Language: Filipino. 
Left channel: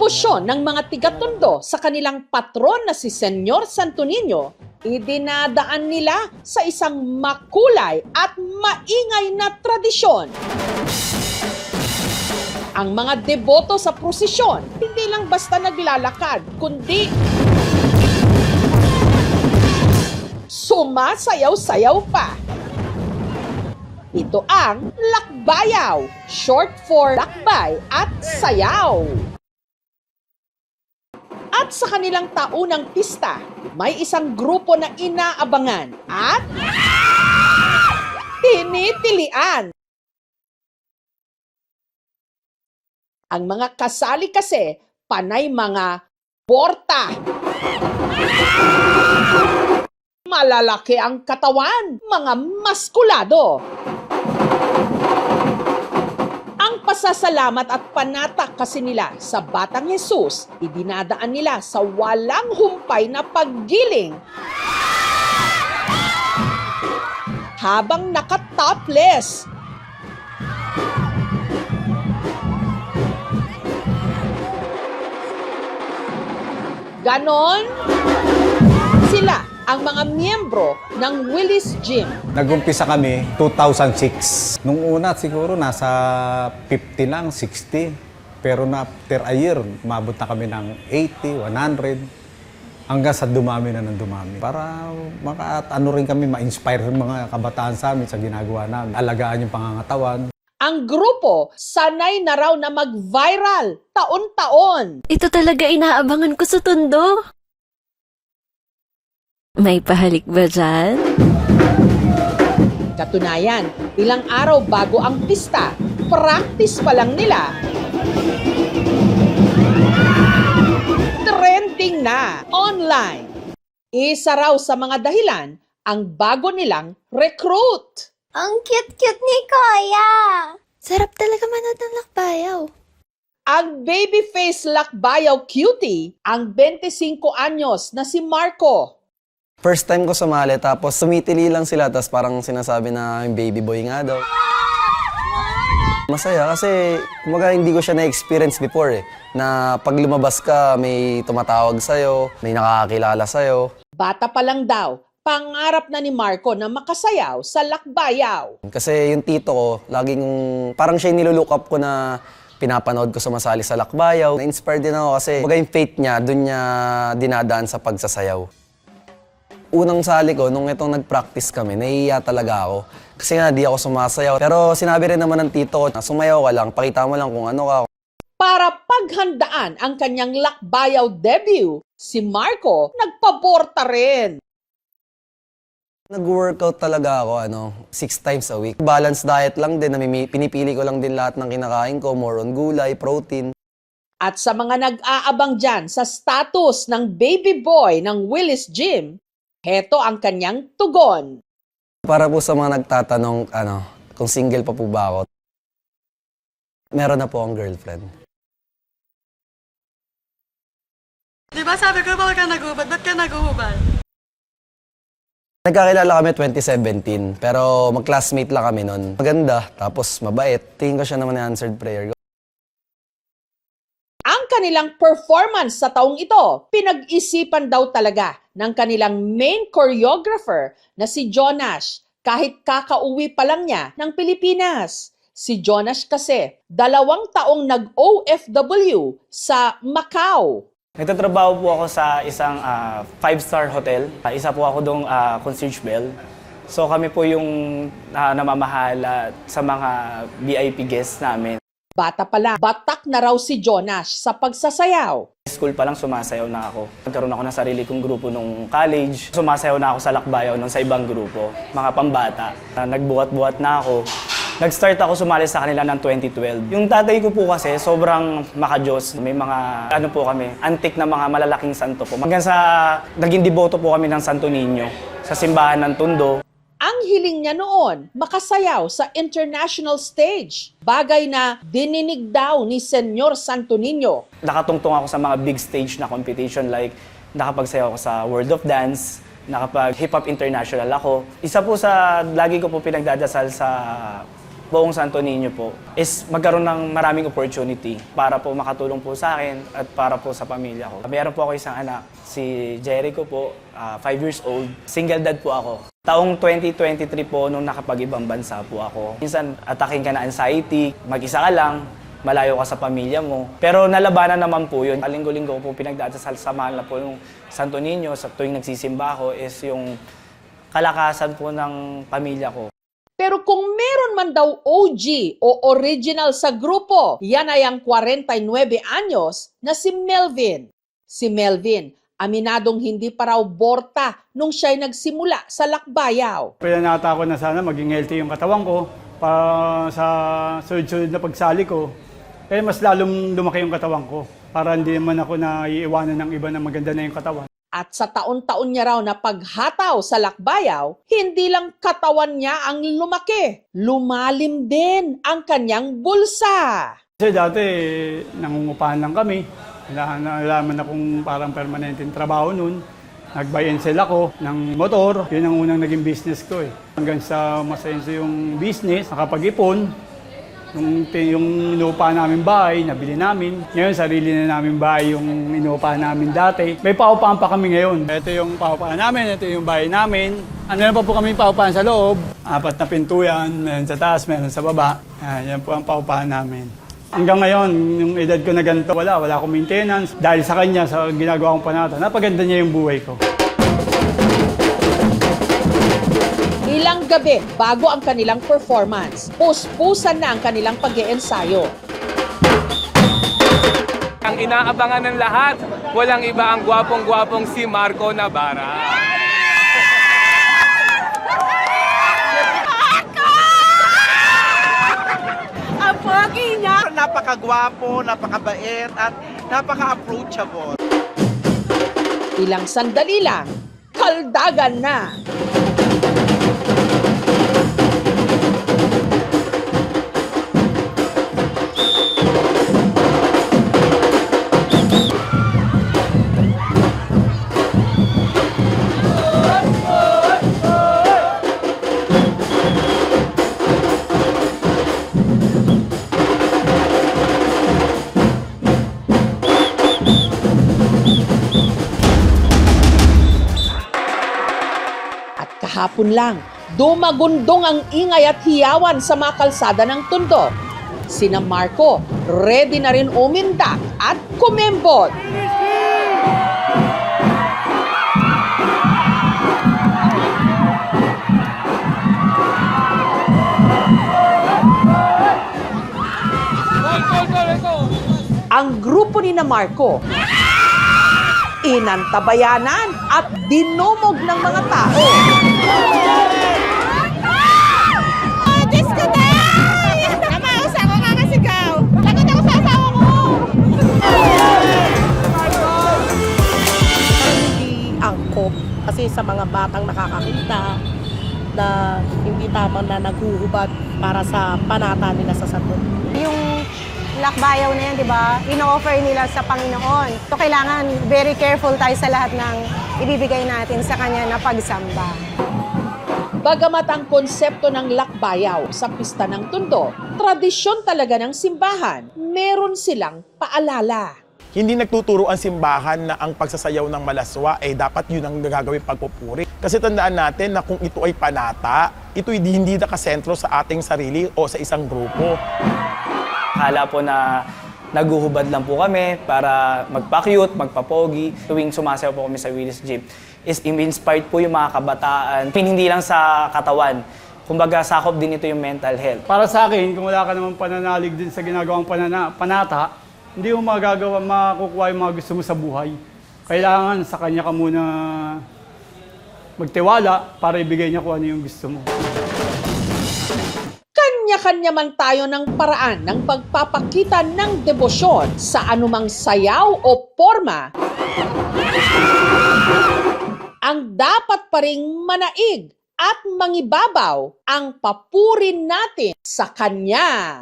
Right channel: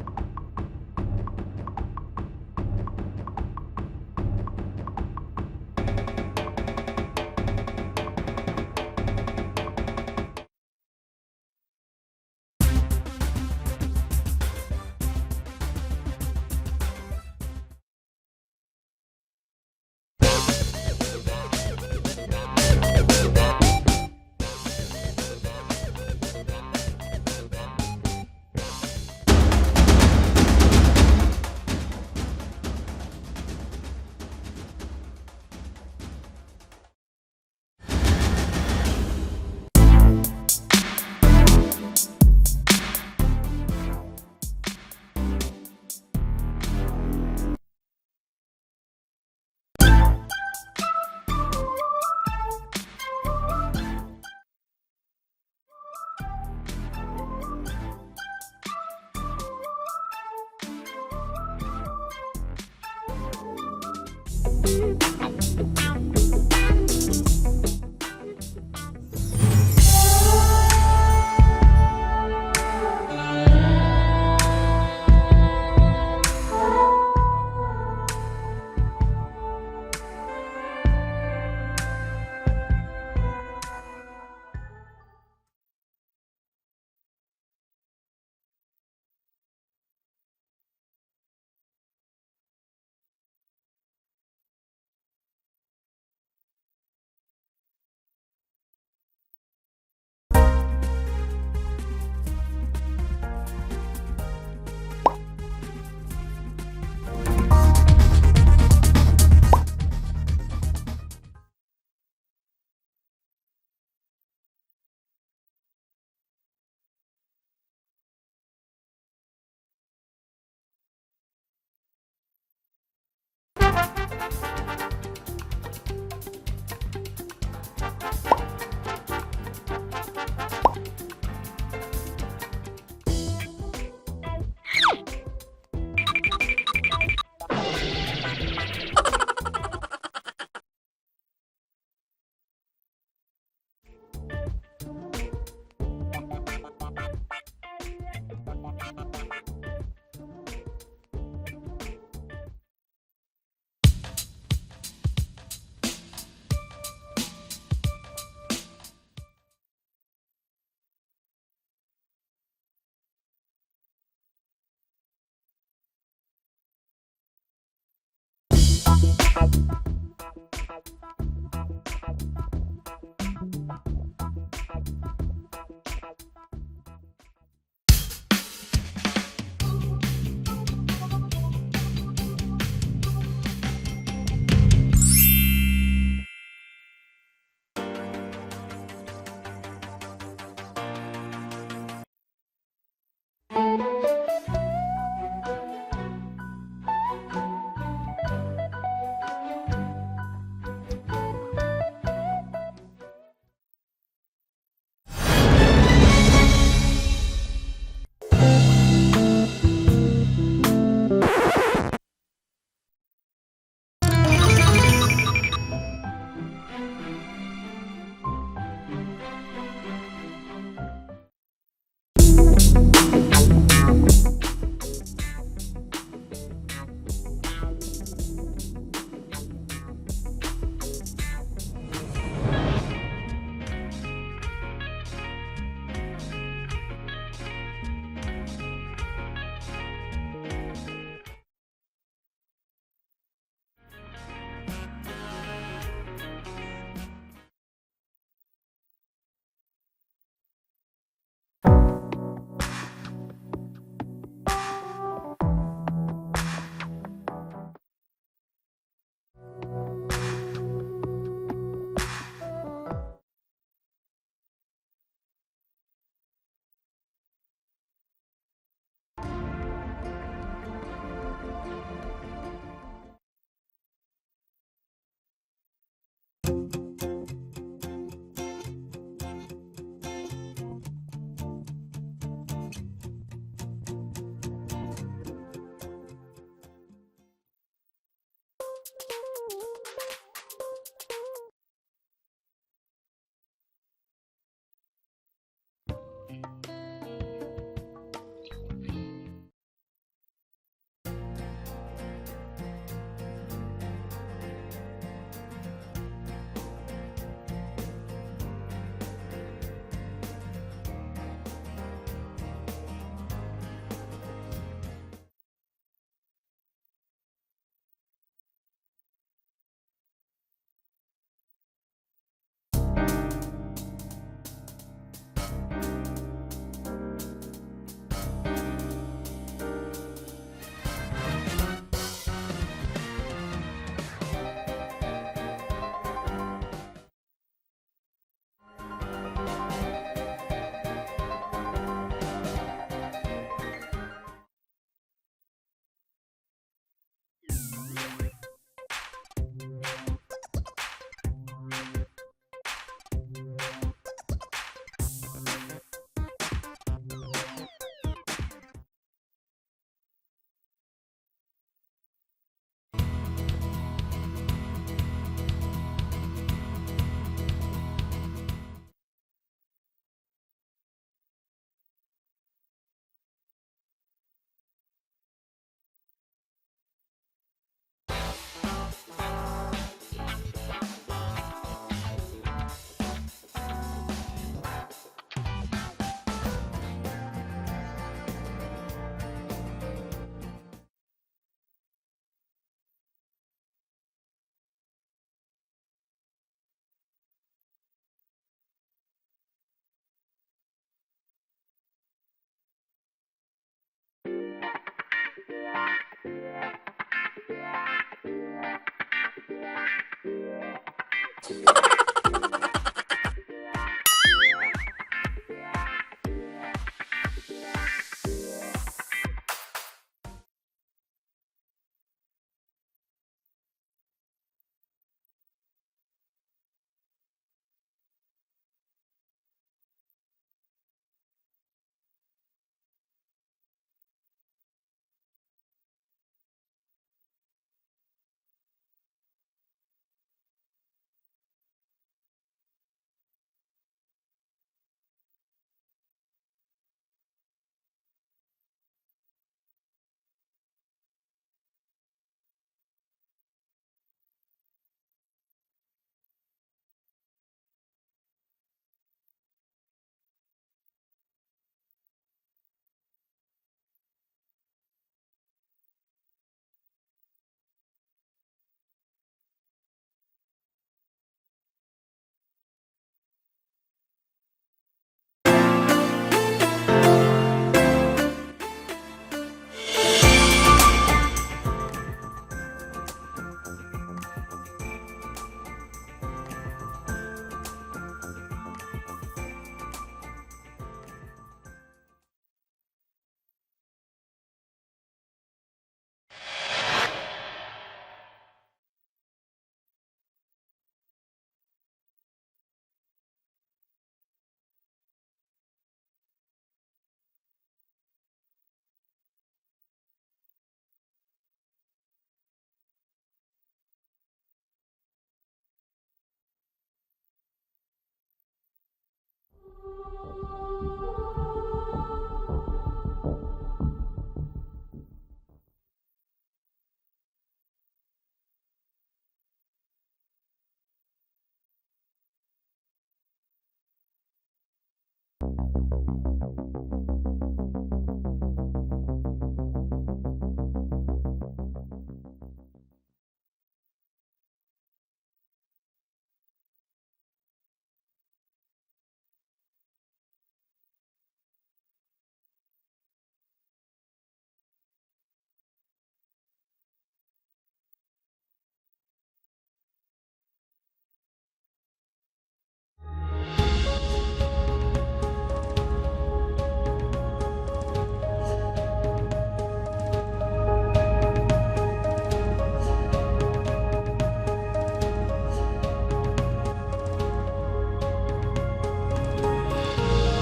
debosyon ng mga tiga-Tondo sa kanilang patron na si Senyor Santo Niño, idinadaan nila sa isang makulay at maingay na tradisyon. Ang mga deboto sa prosesyon, hindi lang basta naglalakad, kundi sumasayaw-sayaw pa. Ito ang lakbayaw, short for lakbay at sayaw. At sa kanilang taunang pista, may isang grupo na inaabangan at tinitilian. Ang mga kasali kasi, panay mga borta. Malalaki ang katawan, mga maskulado. Ang pasasalamat at panatak kasi nila sa Batang Jesus, idinadaan nila sa walang humpay na paggiling. Habang naka-topless. Ganon sila ang mga miyembro ng Willis Gym. Nag-umpisa kami 2006. Nung una siguro nasa 50 lang, 60. Pero na after a year, umabot na kami ng 80, 100. Hanggang sa dumami na ng dumami. Para rin kami ma-inspire yung mga kabataan sa amin sa ginagawa namin. Alagaan yung pangangatawan. Ang grupo, sanay na raw na mag-viral taon-taon. Ito talaga inaabangan ko sa Tondo. May pahalik ba dyan? Katunayan, ilang araw bago ang pista, practice pa lang nila. Trending na online. Isa raw sa mga dahilan, ang bago nilang recruit. Ang cute-cute ni Kuya! Sarap talaga manood ng lakbayaw. Ang babyface lakbayaw cutie, ang 25 anyos na si Marco. First time ko sumali, tapos sumitili lang sila, tapos parang sinasabi na yung baby boy nga daw. Masaya kasi kumaga hindi ko siya na-experience before na pag lumabas ka, may tumatawag sa'yo, may nakakakilala sa'yo. Bata pa lang daw, pangarap na ni Marco na makasayaw sa lakbayaw. Kasi yung tito ko, laging parang siya yung nilulook up ko na pinapanood ko sumasali sa lakbayaw. Na-inspired din ako kasi kumbaga yung faith niya, dun niya dinadaan sa pagsasayaw. Unang sali ko, nung itong nag-practice kami, nahihiya talaga ako. Kasi nga, di ako sumasayaw. Pero sinabi rin naman ng tito ko, na sumayaw ka lang, pakita mo lang kung ano ka. Para paghandaan ang kanyang lakbayaw debut, si Marco nagpaborta rin. Nag-workout talaga ako, 6 times a week. Balanced diet lang din, pinipili ko lang din lahat ng kinakain ko, more on gulay, protein. At sa mga nag-aabang dyan sa status ng baby boy ng Willis Gym, heto ang kanyang tugon. Para po sa mga nagtatanong, kung single pa po ba ako, meron na po akong girlfriend. Diba sabi ko, bawal ka naghubad? Ba't ka naghubad? Nagkakilala kami 2017, pero mag-classmate lang kami nun. Maganda, tapos mabait. Tingin ko siya naman na answered prayer. Ang kanilang performance sa taong ito, pinag-isipan daw talaga ng kanilang main choreographer na si Jonash, kahit kakauwi pa lang niya ng Pilipinas. Si Jonash kasi, 2 taong nag-OFW sa Macau. Nagtatrabaho po ako sa isang 5-star hotel. Isa po ako doong concierge bell. So kami po yung namamahala sa mga VIP guests namin. Bata pa lang, batak na raw si Jonash sa pagsasayaw. School pa lang sumasayaw na ako. Nagkaroon ako ng sarili kong grupo nung college. Sumasayaw na ako sa lakbayaw nung sa ibang grupo, mga pambata. Nagbuhat-buhat na ako. Nag-start ako sumali sa kanila ng 2012. Yung tatay ko po kasi sobrang makajos. May mga antik na mga malalaking santo po. Hanggang sa naging deboto po kami ng Santo Niño sa simbahan ng Tondo. Ang hiling niya noon, makasayaw sa international stage. Bagay na dininig daw ni Senyor Santo Niño. Nakatungtong ako sa mga big stage na competition like nakapagsayaw ako sa World of Dance, nakapag Hip Hop International ako. Isa po sa lagi ko po pinagdadasal sa buong Santo Niño po is magkaroon ng maraming opportunity para po makatulong po sa akin at para po sa pamilya ko. Meron po ako isang anak, si Jericho po, 5 years old. Single dad po ako. Taong 2023 po nung nakapag-ibang bansa po ako. Minsan ataking ka na anxiety, mag-isa ka lang, malayo ka sa pamilya mo. Pero nalabanan naman po yun. Linggo-linggo ko po pinagdadasal sa mahal na po yung Santo Niño sa tuwing nagsisimba ako is yung kalakasan po ng pamilya ko. Pero kung meron man daw OG o original sa grupo, yan ay ang 49 anyos na si Melvin. Si Melvin, aminadong hindi pa raw borta nung siya'y nagsimula sa lakbayaw. Kaya natakot na sana maging healthy yung katawan ko sa sunod-sunod na pagsali ko. Kaya mas lalong lumaki yung katawan ko para hindi naman ako naiiwanan ng iba na maganda na yung katawan. At sa taon-taon niya raw na paghataw sa lakbayaw, hindi lang katawan niya ang lumaki, lumalim din ang kanyang bulsa. Kasi dati nangungupahan lang kami. Nalaman akong parang permanenteng trabaho nun. Nag-buy and sell ako ng motor. Yun ang unang naging business ko eh. Hanggang sa masenso yung business, nakapag-ipon. Yung inuupahan namin bahay, nabili namin. Ngayon, sarili na namin bahay yung inuupahan namin dati. May paupahan pa kami ngayon. Ito yung paupahan namin, ito yung bahay namin. Ano pa po kami paupahan sa loob. 4 na pinto yan, meron sa taas, meron sa baba. Yan po ang paupahan namin. Hanggang ngayon, yung edad ko na ganito, wala akong maintenance. Dahil sa kanya, sa ginagawa kong panata, napaganda niya yung buhay ko. Ilang gabi bago ang kanilang performance, puspusan na ang kanilang pag-iensayo. Ang inaabangan ng lahat, walang iba ang gwapong-gwapong si Marco Navarra. Ang pogi niya! Napakagwapo, napakabait, at napaka-approachable. Ilang sandali lang, kaldagan na. Kahapon lang, dumagundong ang ingay at hiyawan sa mga kalsada ng Tondo. Sina Marco, ready na rin umindak at kumembot. Ang grupo ni na Marco, inantabayanan at dinumog ng mga tao. Oh, Diyos ko na! Namausa ko kakasigaw. Lagot ako sa asawa ko. Hindi angkop kasi sa mga batang nakakakita na hindi tama na naghuhubad para sa panata nila sa Santo. Yung lakbayaw na yan, di ba, ino-offer nila sa Panginoon. So, kailangan very careful tayo sa lahat ng ibibigay natin sa Kanya na pagsamba. Bagamat ang konsepto ng lakbayaw sa pista ng Tondo, tradisyon talaga ng simbahan, meron silang paalala. Hindi nagtuturo ang simbahan na ang pagsasayaw ng malaswa ay dapat yun ang gagawin pagpupuri. Kasi tandaan natin na kung ito ay panata, ito hindi nakasentro sa ating sarili o sa isang grupo. Akala po na naguhubad lang po kami para magpa-cute, magpa-pogi. Tuwing sumasayaw po kami sa Willis Gym, is inspired po yung mga kabataan. Hindi lang sa katawan. Kumbaga, sakop din ito yung mental health. Para sa akin, kung wala ka namang pananalig din sa ginagawang panata, hindi mo makukuha yung mga gusto mo sa buhay. Kailangan sa kanya ka muna magtiwala para ibigay niya kung ano yung gusto mo. Kanya-kanya man tayo ng paraan ng pagpapakita ng debosyon sa anumang sayaw o forma. Ang dapat pa ring manaig at mangibabaw ang papuri natin sa Kanya.